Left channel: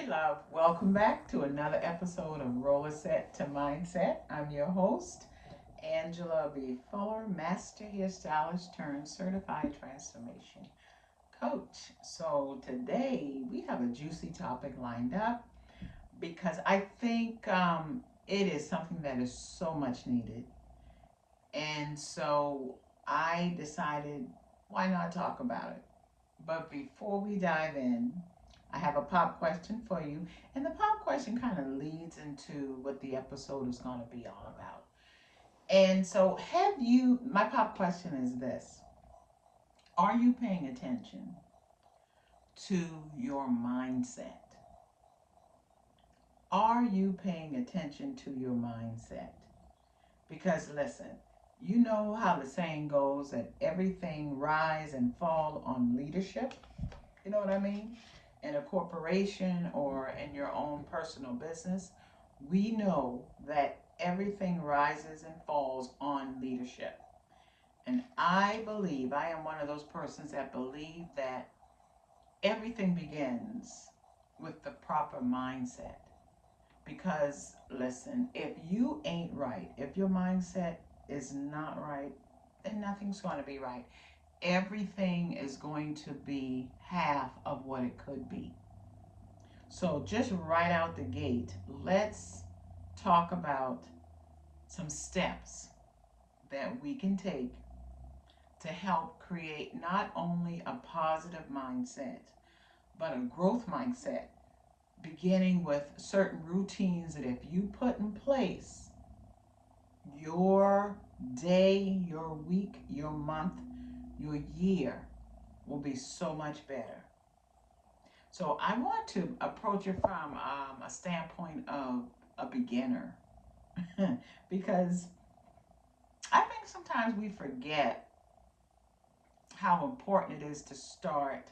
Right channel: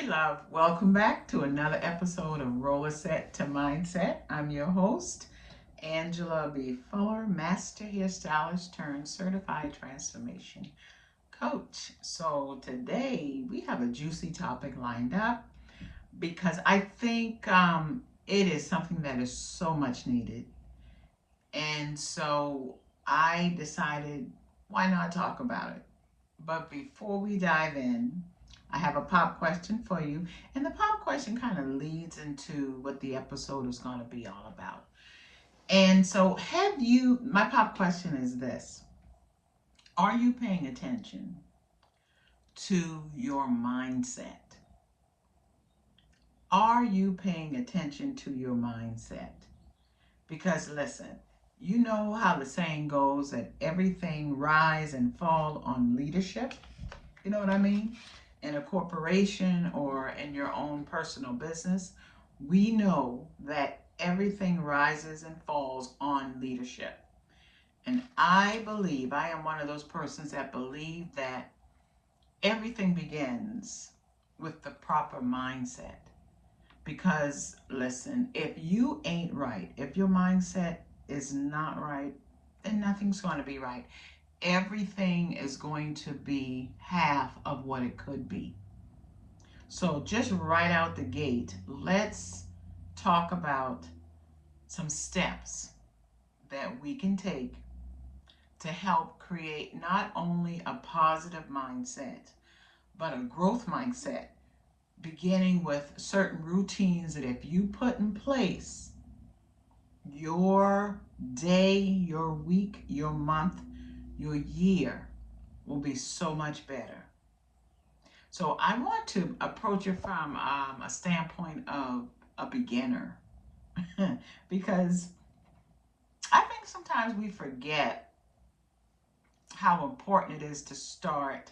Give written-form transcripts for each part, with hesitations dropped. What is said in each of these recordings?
Hey, love. Welcome back to another episode of Rollerset to Mindset. I'm your host, Angela B. Fuller, Master Hairstylist turned Certified Transformation Coach. So, today we have a juicy topic lined up because I think it is something that is so much needed. And so, I decided why not talk about it? But before we dive in, I have a pop question for you. And the pop question kind of leads into what the episode is going to be all about. And so, my pop question is this: are you paying attention to your mindset? Are you paying attention to your mindset? Because listen, you know how the saying goes that everything rise and fall on leadership. You know what I mean? In a corporation or in your own personal business, we know that everything rises and falls on leadership. And I am one of those persons that believe that everything begins with the proper mindset. Because, listen, if you ain't right, if your mindset is not right, then nothing's going to be right. Everything is going to be half of what it could be. So, just right out the gate, let's talk about some steps that we can take to help create not only a positive mindset, but a growth mindset, beginning with certain routines that if you put in place, your day, your week, your month, your year will be so much better. So I want to approach it from a standpoint of a beginner because I think sometimes we forget how important it is to start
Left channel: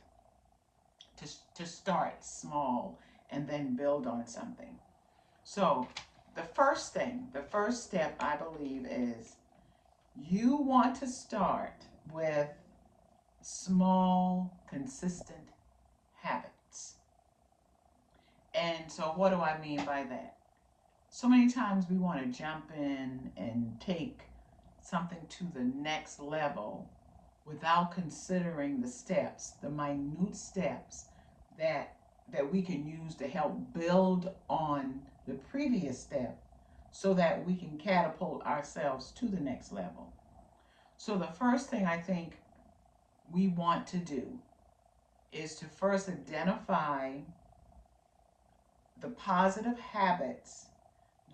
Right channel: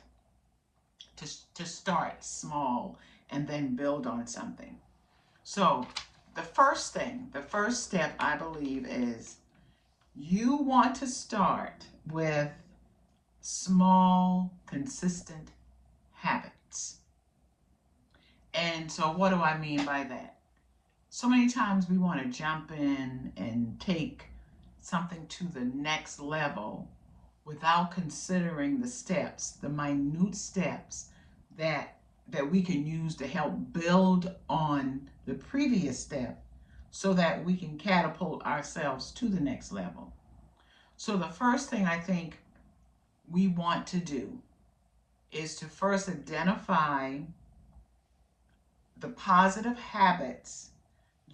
small and then build on something. So the first step I believe is you want to start with small, consistent habits. And so, what do I mean by that? So many times we want to jump in and take something to the next level without considering the steps, the minute steps that we can use to help build on the previous step so that we can catapult ourselves to the next level. So the first thing I think we want to do is to first identify the positive habits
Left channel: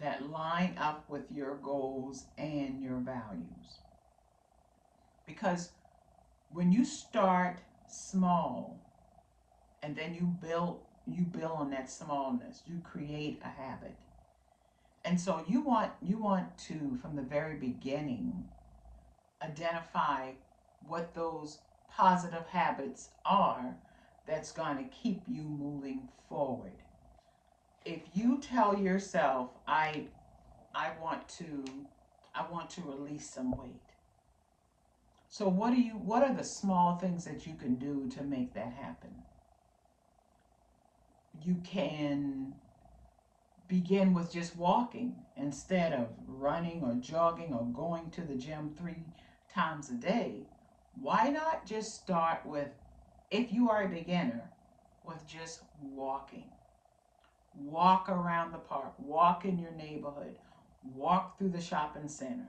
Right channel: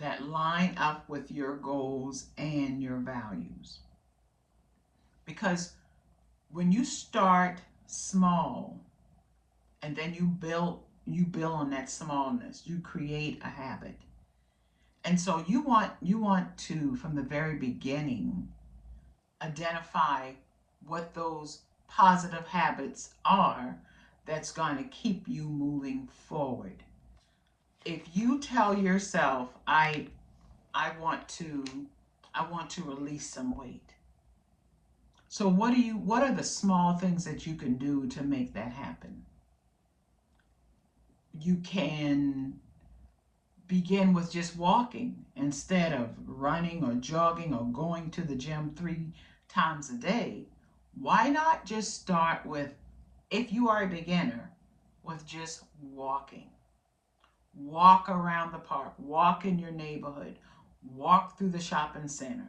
that line up with your goals and your values. Because when you start small and then you build on that smallness, you create a habit. And so you want to from the very beginning identify what those positive habits are that's going to keep you moving forward. If you tell yourself I want to release some weight. So what are the small things that you can do to make that happen? You can begin with just walking instead of running or jogging or going to the gym 3 times a day. Why not just start with, if you are a beginner, with just walking? Walk around the park, walk in your neighborhood, walk through the shopping center.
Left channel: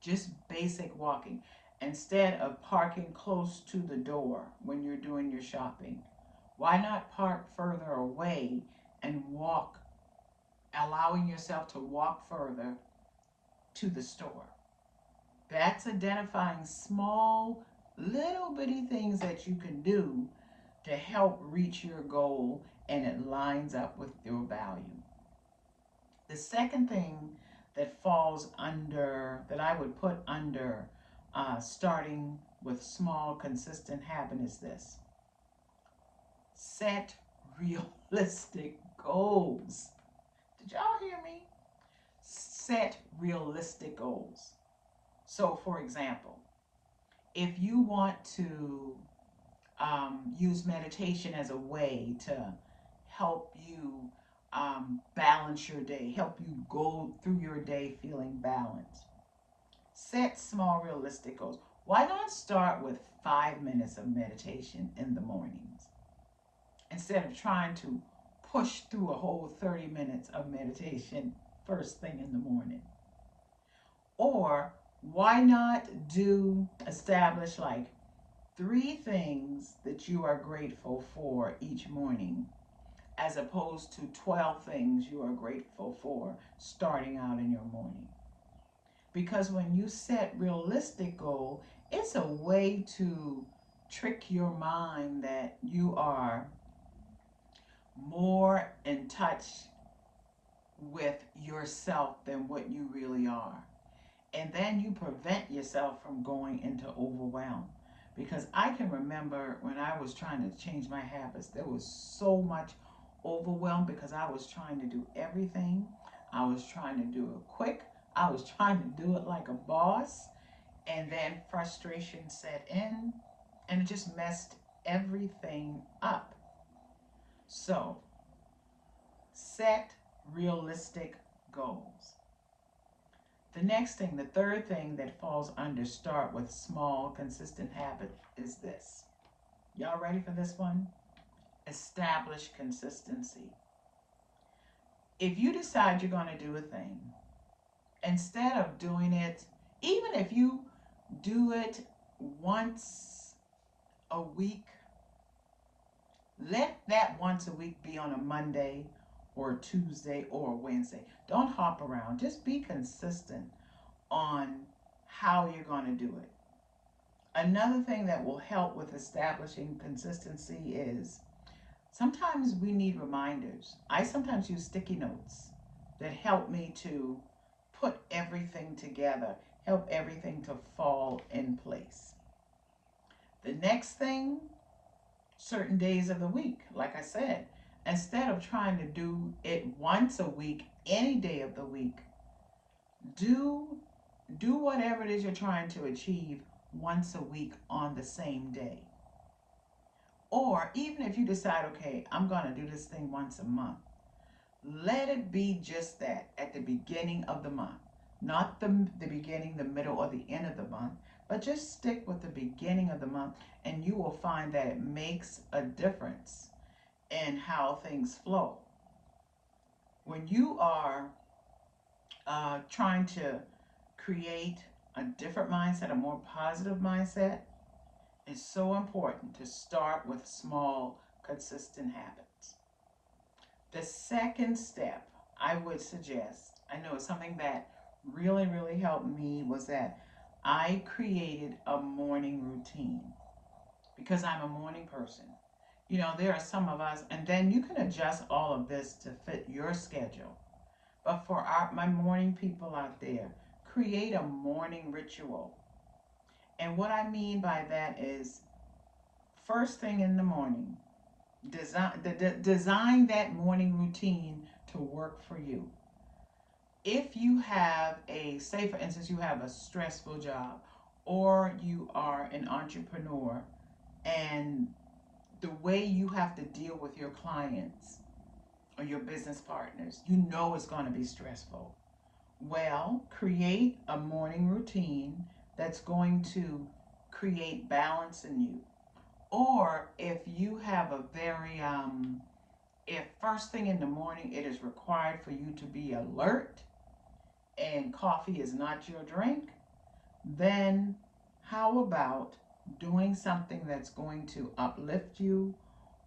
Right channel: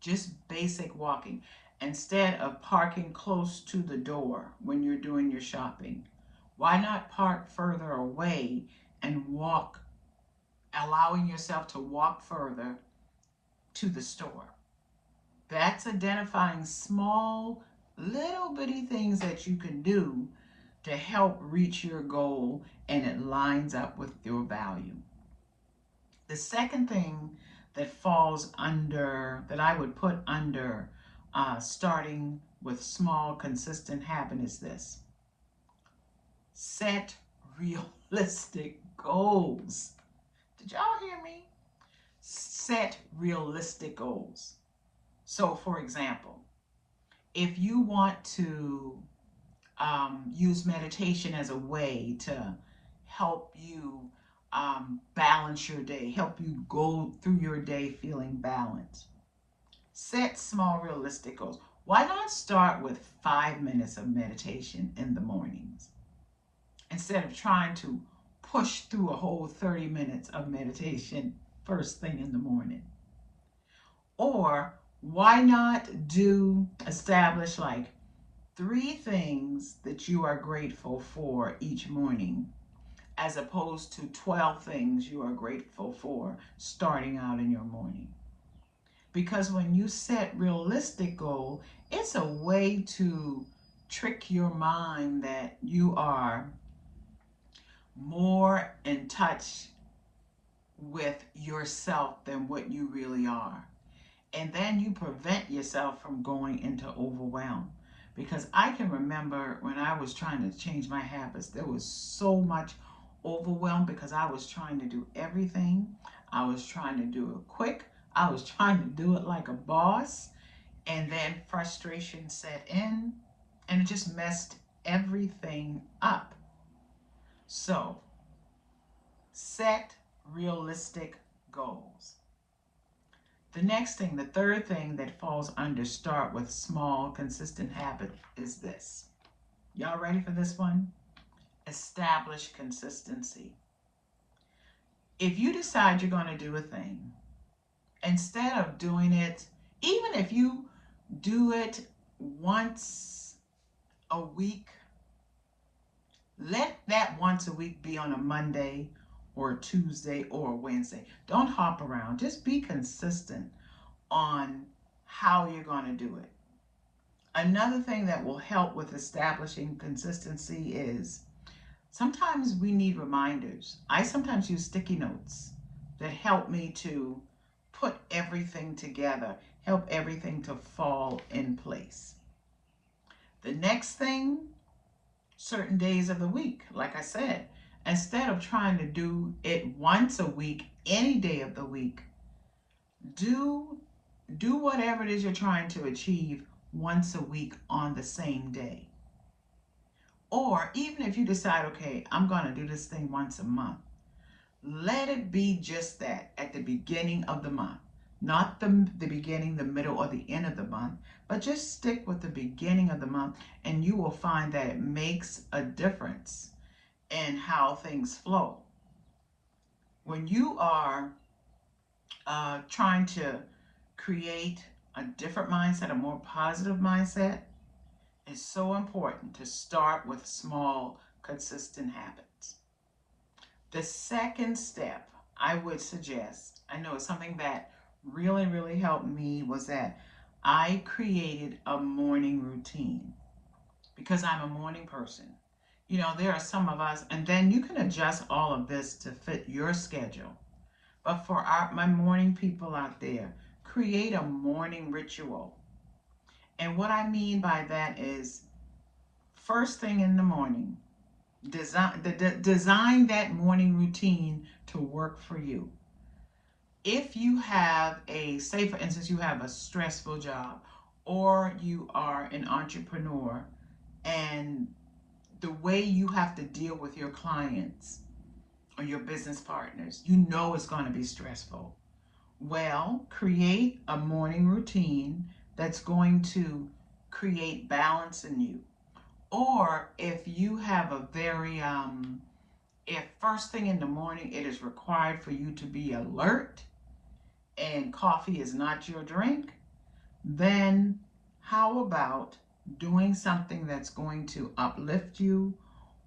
Just basic walking instead of parking close to the door when you're doing your shopping. Why not park further away and walk, allowing yourself to walk further to the store? That's identifying small, little bitty things that you can do to help reach your goal and it lines up with your value. The second thing that I would put under starting with small, consistent habit is this: set realistic goals. Did y'all hear me? Set realistic goals. So, for example, if you want to use meditation as a way to help you balance your day, help you go through your day feeling balanced. Set small, realistic goals. Why not start with 5 minutes of meditation in the mornings instead of trying to push through a whole 30 minutes of meditation first thing in the morning? Or why not establish like 3 things that you are grateful for each morning, as opposed to 12 things you are grateful for starting out in your morning? Because when you set realistic goal, it's a way to trick your mind that you are more in touch with yourself than what you really are. And then you prevent yourself from going into overwhelm. Because I can remember when I was trying to change my habits, there was so much overwhelm because I was trying to do everything. I was trying to do it quick. I was trying to do it like a boss. And then frustration set in and it just messed everything up. So set realistic goals. The next thing, the third thing that falls under start with small, consistent habit is this. Y'all ready for this one? Establish consistency. If you decide you're going to do a thing, instead of doing it, even if you do it once a week, let that once a week be on a Monday or a Tuesday or a Wednesday. Don't hop around. Just be consistent on how you're going to do it. Another thing that will help with establishing consistency is sometimes we need reminders. I sometimes use sticky notes that help me to put everything together, help everything to fall in place. The next thing, certain days of the week, like I said, instead of trying to do it once a week, any day of the week, do whatever it is you're trying to achieve once a week on the same day. Or even if you decide, okay, I'm going to do this thing once a month, let it be just that at the beginning of the month. Not the beginning, the middle, or the end of the month, but just stick with the beginning of the month, and you will find that it makes a difference in how things flow. When you are trying to create a different mindset, a more positive mindset, it's so important to start with small, consistent habits. The second step I would suggest, I know it's something that really, really helped me, was that I created a morning routine because I'm a morning person. You know, there are some of us, and then you can adjust all of this to fit your schedule. But for my morning people out there, create a morning ritual. And what I mean by that is first thing in the morning, design that morning routine to work for you. If you have say for instance, you have a stressful job or you are an entrepreneur and the way you have to deal with your clients or your business partners, you know it's going to be stressful. Well, create a morning routine that's going to create balance in you. Or if you have a very, if first thing in the morning it is required for you to be alert and coffee is not your drink, then how about doing something that's going to uplift you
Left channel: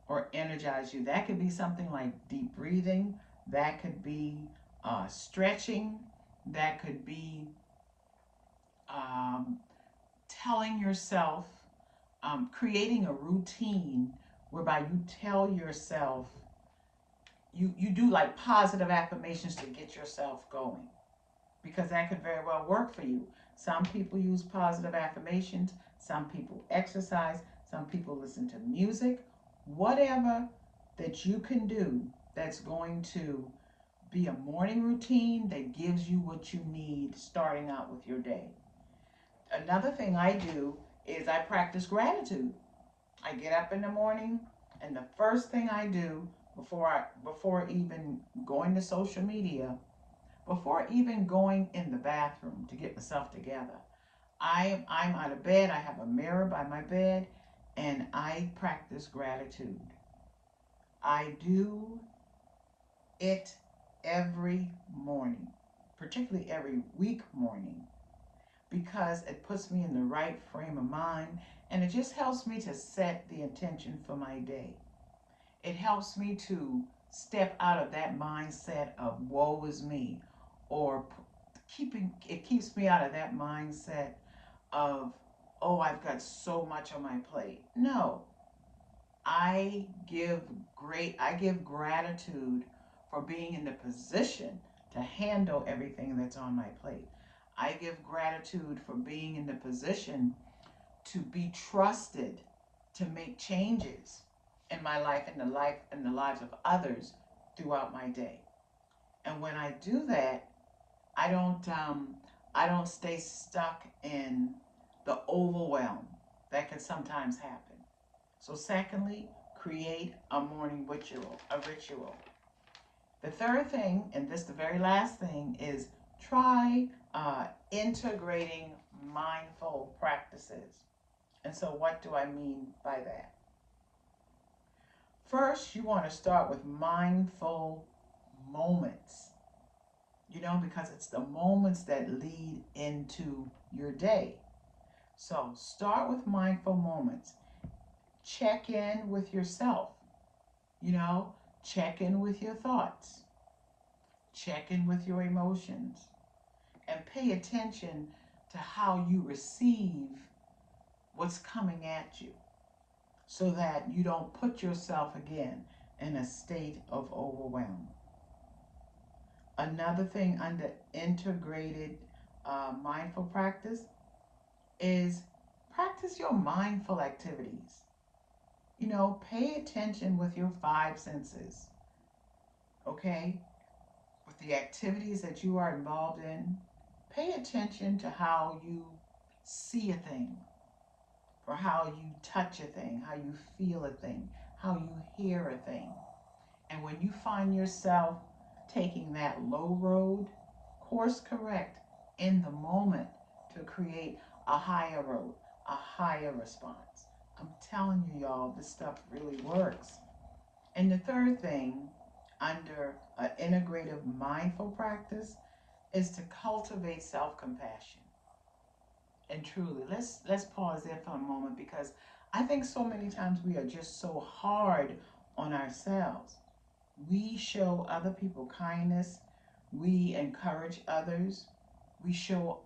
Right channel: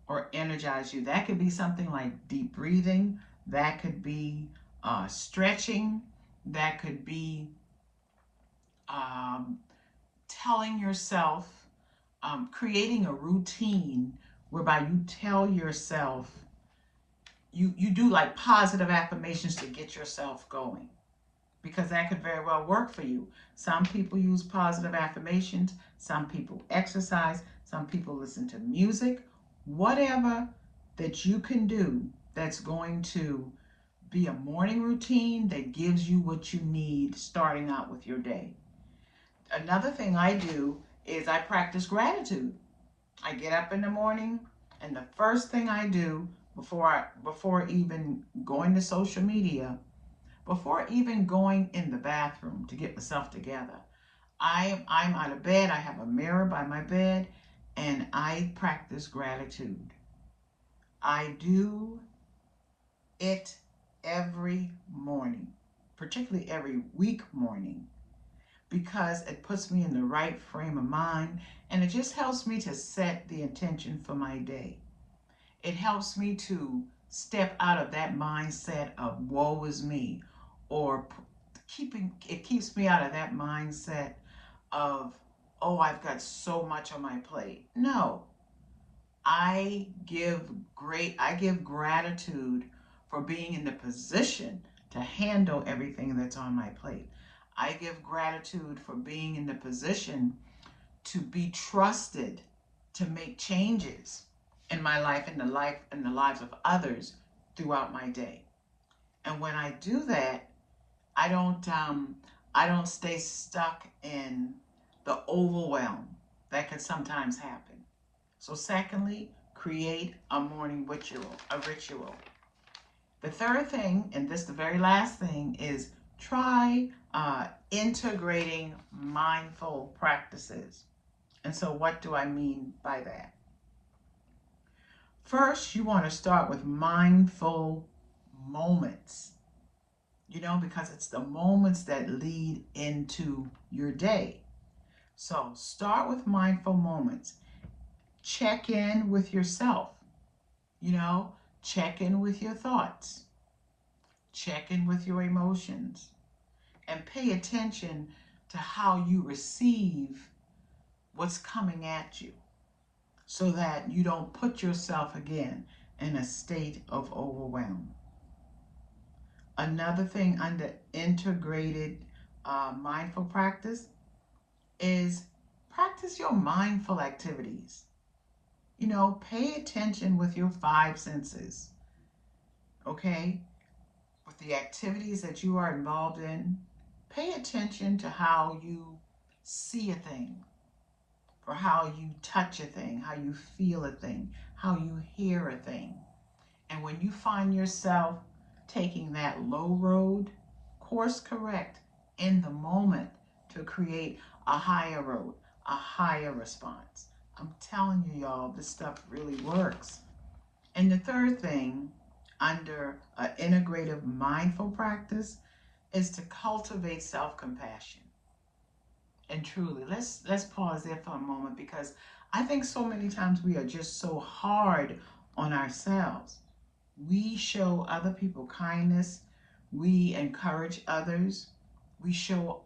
or energize you? That could be something like deep breathing, that could be stretching, that could be um, telling yourself, creating a routine whereby you tell yourself, you do like positive affirmations to get yourself going, because that could very well work for you. Some people use positive affirmations, some people exercise, some people listen to music, whatever that you can do that's going to be a morning routine that gives you what you need starting out with your day. Another thing I do is I practice gratitude. I get up in the morning and the first thing I do before even going to social media, before even going in the bathroom to get myself together. I'm out of bed. I have a mirror by my bed, and I practice gratitude. I do it every morning, particularly every week morning, because it puts me in the right frame of mind, and it just helps me to set the intention for my day. It helps me to step out of that mindset of woe is me, or it keeps me out of that mindset of, oh, I've got so much on my plate. No, I give gratitude for being in the position to handle everything that's on my plate. I give gratitude for being in the position to be trusted to make changes in my life, in the lives of others throughout my day. And when I do that, I don't I don't stay stuck in the overwhelm that can sometimes happen. So secondly, create a morning ritual, a ritual. The third thing, and this the very last thing, is try integrating mindful practices. And so what do I mean by that? First, you want to start with mindful moments, because it's the moments that lead into your day. So start with mindful moments. Check in with yourself, you know, check in with your thoughts, check in with your emotions, and pay attention to how you receive what's coming at you so that you don't put yourself again in a state of overwhelm. Another thing under integrated mindful practice is practice your mindful activities. Pay attention with your five senses, okay? With the activities that you are involved in, pay attention to how you see a thing, or how you touch a thing, how you feel a thing, how you hear a thing. And when you find yourself taking that low road, course correct in the moment to create a higher road, a higher response. I'm telling you, y'all, this stuff really works. And the third thing under an integrative mindful practice is to cultivate self-compassion. And truly, let's pause there for a moment, because I think so many times we are just so hard on ourselves. We show other people kindness, we encourage others, we show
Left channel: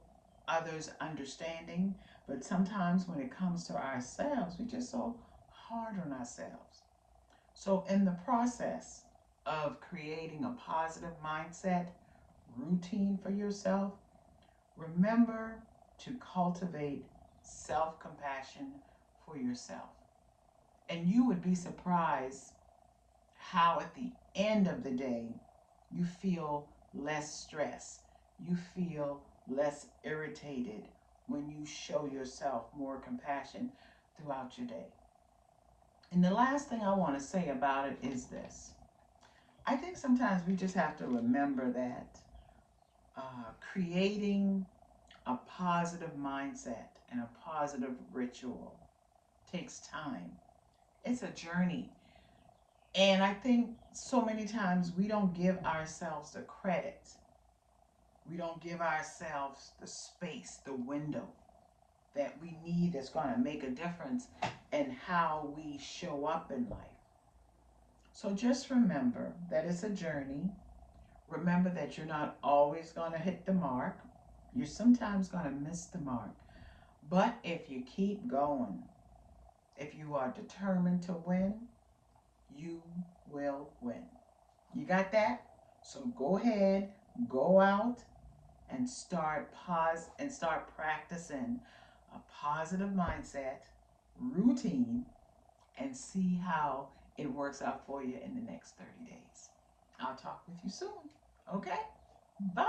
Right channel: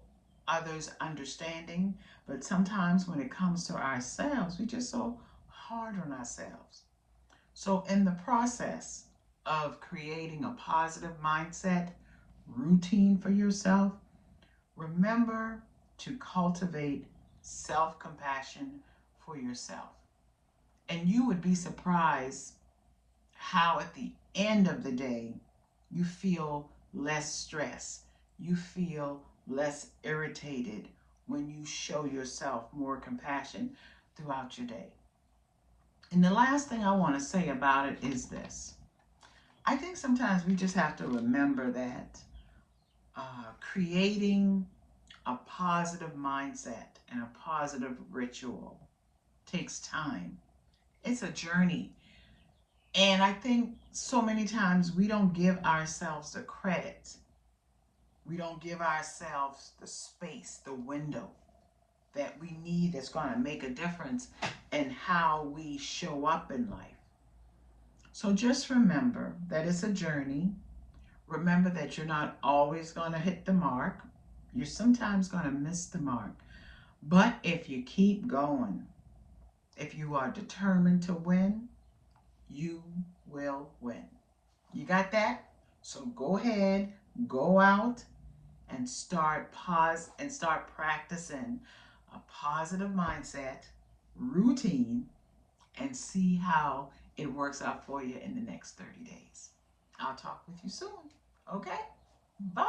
others understanding, but sometimes when it comes to ourselves, we just so hard on ourselves. So in the process of creating a positive mindset routine for yourself, remember to cultivate self-compassion for yourself. And you would be surprised how at the end of the day you feel less stress, you feel less irritated when you show yourself more compassion throughout your day. And the last thing I want to say about it is this. I think sometimes we just have to remember that creating a positive mindset and a positive ritual takes time. It's a journey. And I think so many times we don't give ourselves the credit. We don't give ourselves the space, the window that we need that's going to make a difference in how we show up in life. So just remember that it's a journey. Remember that you're not always going to hit the mark. You're sometimes going to miss the mark. But if you keep going, if you are determined to win, you will win. You got that? So go ahead, go out and start practicing a positive mindset routine and see how it works out for you in the next 30 days. I'll talk with you soon. Okay? Bye.